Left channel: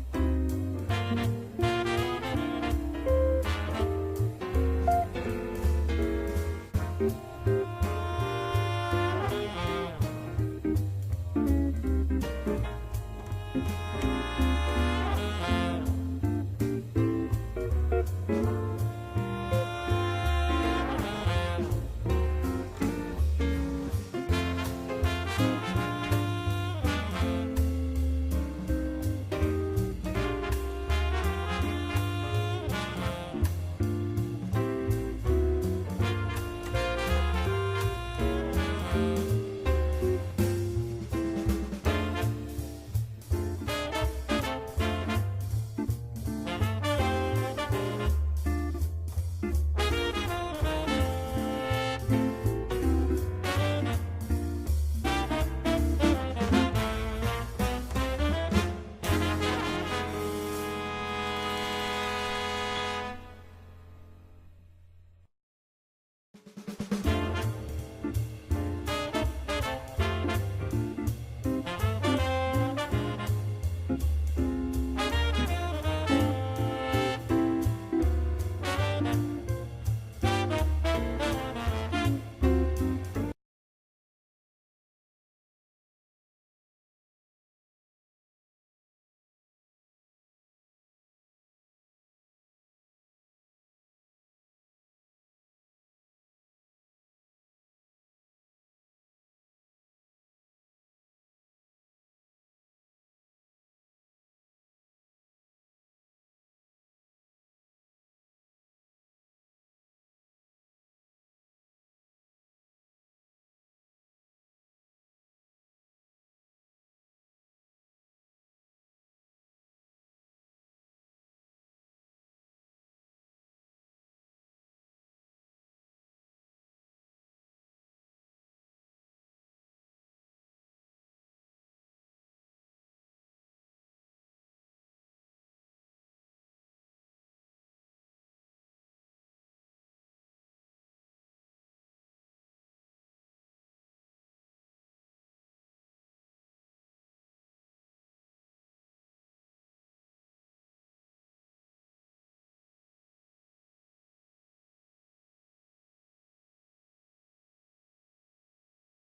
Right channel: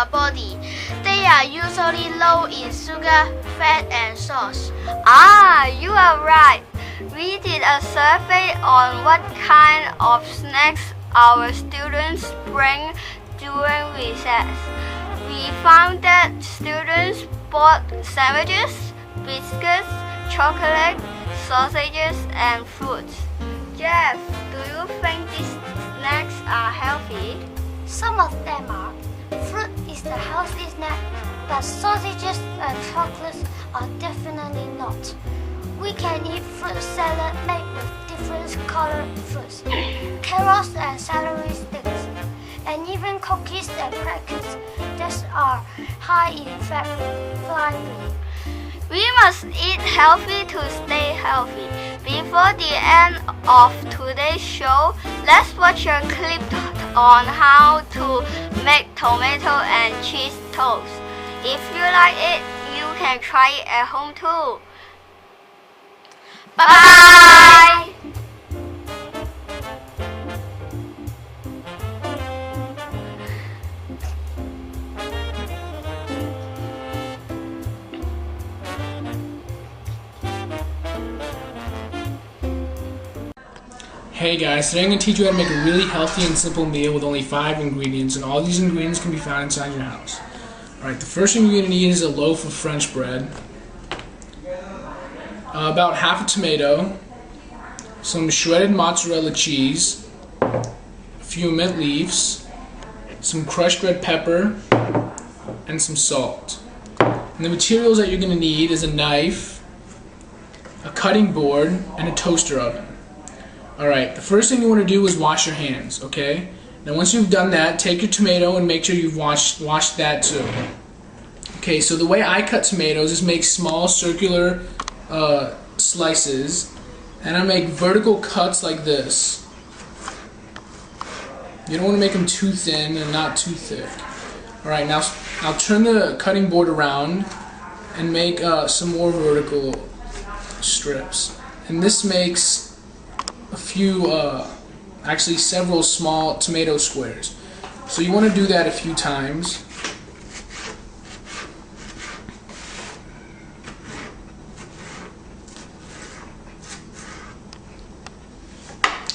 our body. They are usually low in sugar, fat, and salt. Ah, you are right. We did a survey on what kind of snacks our students bring during recess. We found that students bought sandwiches, biscuits, chocolate, sausages, and fruits. Jeff, do you think these snacks are healthy? Some of them are. Fruit is the healthy snack, but sausages and chocolates are definitely not. We can eat fruit salad made with different colored fruits, carrots and celery sticks, and even cookies and crackers that are high in fat like We must eat healthy to stay healthy. Before the end of today's show, let's watch a clip on how to make tomato and cheese toast. If you like it, you can try it at home too. Bye! Hey guys, today I'm going to teach you how to make a really healthy and simple meal with only 5 ingredients, and all these ingredients can be found inside your house. Alright, the first thing you're going to need is a loaf of French bread, about half a tomato, some shredded mozzarella cheese, a few mint leaves, some crushed red pepper, and some salt. And the materials that you're going to need is a knife, a cutting board, and a toaster oven. Alright, the first thing you want to do is wash your hands, okay? Now once you've done that, take your tomato and make sure you've washed that too. Okay, so the way I cut tomatoes is make small circular slices, and I make vertical cuts like this. You don't want to make them too thin and not too thick. Alright, now I'll turn the cutting board around and make some more vertical strips. And this makes a few, actually several small tomato squares. So you want to do that a few times.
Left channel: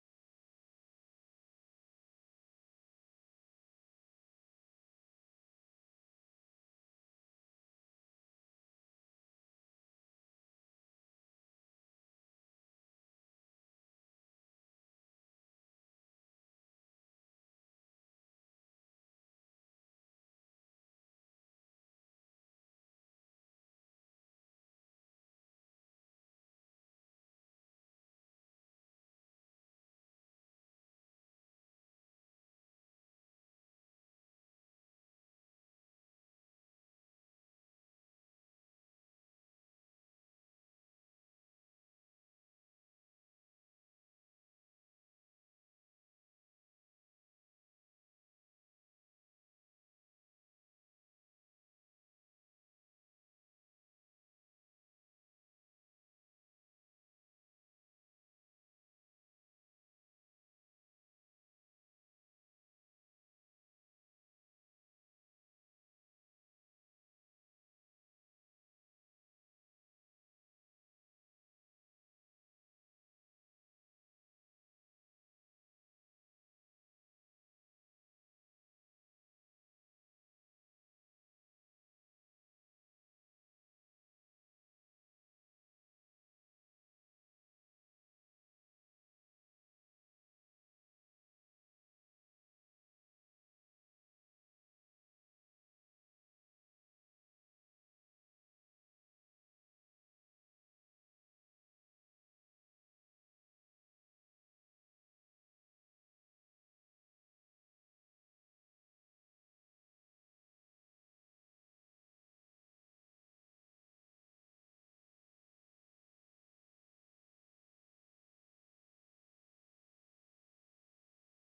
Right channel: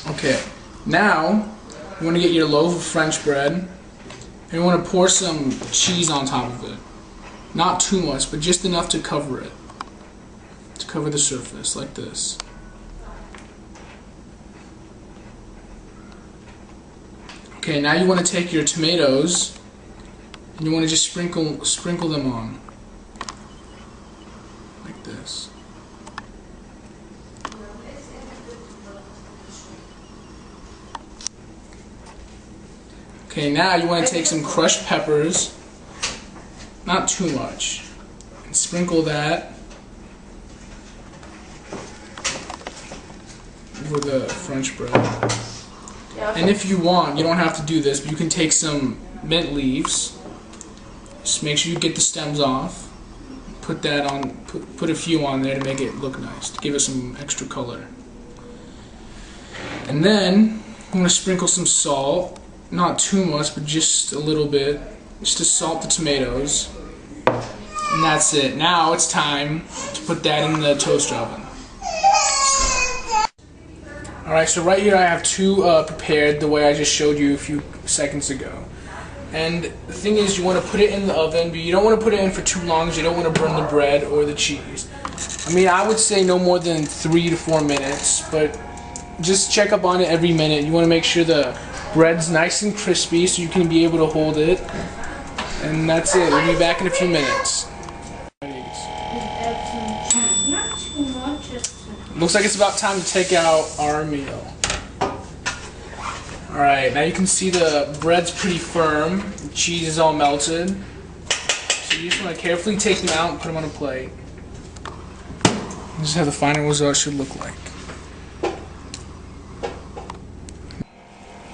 Okay, now you want to get your loaf of French bread and you want to pour some cheese on top of it. Not too much, but just enough to cover it. To cover the surface, like this. Okay, now you want to take your tomatoes and you want to just sprinkle them on. Like this. Okay, now you want to take some crushed peppers, not too much, and sprinkle that over the French bread. And if you want, you don't have to do this, but you can take some mint leaves. Just make sure you get the stems off. Put that on. Put a few on there to make it look nice, to give it some extra color. And then I'm going to sprinkle some salt. Not too much, but just a little bit, just to salt the tomatoes. And that's it. Now it's time to put that in the toaster oven. Alright, so right here I have 2 prepared the way I just showed you a few seconds ago. And the thing is, you want to put it in the oven, but you don't want to put it in for too long because you don't want to burn the bread or the cheese. I mean, I would say no more than 3 to 4 minutes, but just check up on it every minute. You want to make sure the bread's nice and crispy so you can be able to hold it. And that's it. We'll be back in a few minutes. Looks like it's about time to take out our meal. Alright, now you can see the bread's pretty firm. The cheese is all melted. So you just want to carefully take them out and put them on a plate. This is how the final result should look like.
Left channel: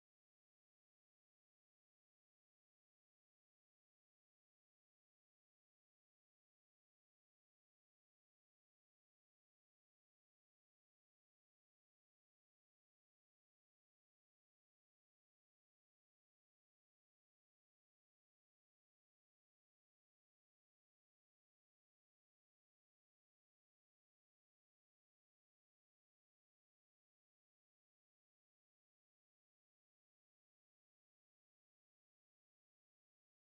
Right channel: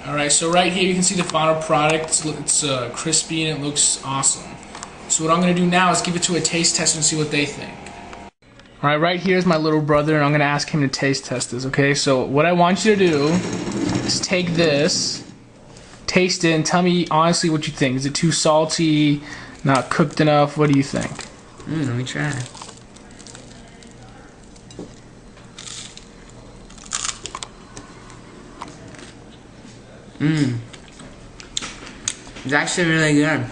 Alright, so right here you can see the final product. It's crispy and it looks awesome. So what I'm going to do now is give it to a taste tester and see what they think. Alright, right here is my little brother, and I'm going to ask him to taste test this, okay? So what I want you to do is take taste it and tell me honestly what you think. Is it too salty? Not cooked enough? What do you think? Let me try. It's actually really good.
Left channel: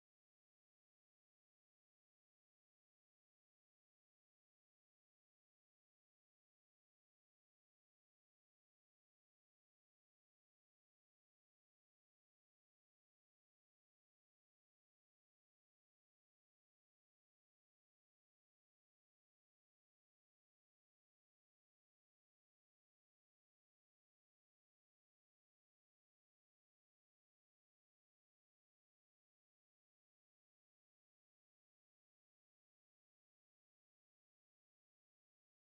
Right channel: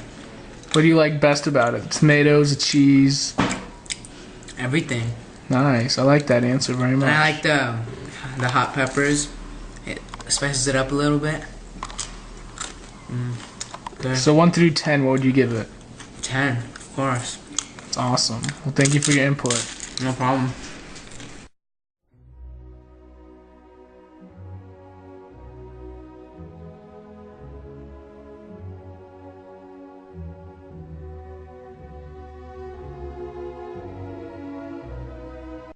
What do you like best about it? Tomatoes, the cheese? Everything. Nice. I like that answer very And much. I like the hot peppers. It spices it up a little bit. Good. So 1 through 10, what would you give it? 10, of course. It's awesome. Well, thank you for your input. No problem.